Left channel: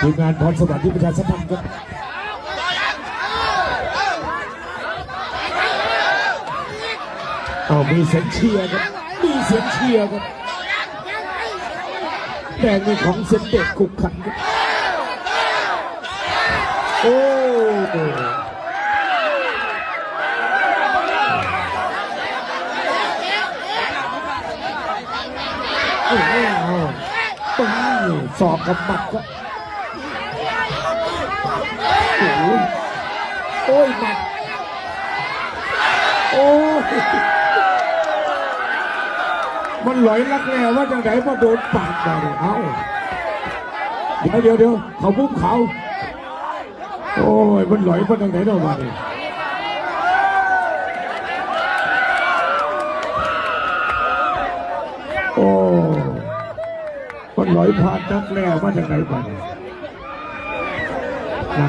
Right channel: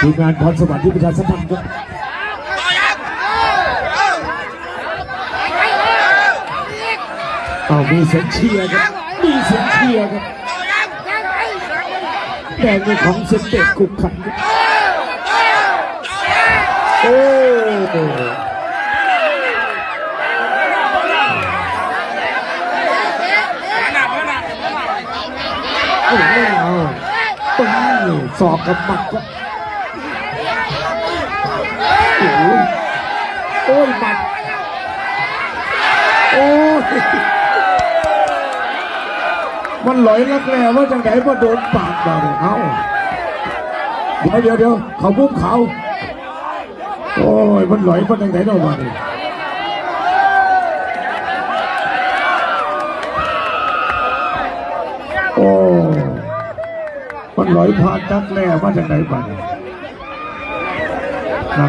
ทีมงานพรสวรรค์ที่ประชาสัมพันธ์ครับมีเสียงเชียร์ครับมีเสียงเชียร์ครับแดงในของเซนเตกคุกขันโอ้ตรงนี้สอบกับหมัดครับโอ้ยหมัดโอ้ยมันหลอยลักแร้ว่าจังไหนมาโดนปากเราเนี่ยเดี๋ยวเขาบุ้มเขาโอ้ยมันหลอยมาจังไหนเรามาเนี่ยโอ้มันหลอยผ่านลักแร้ว่าจังไหนมาเนี่ย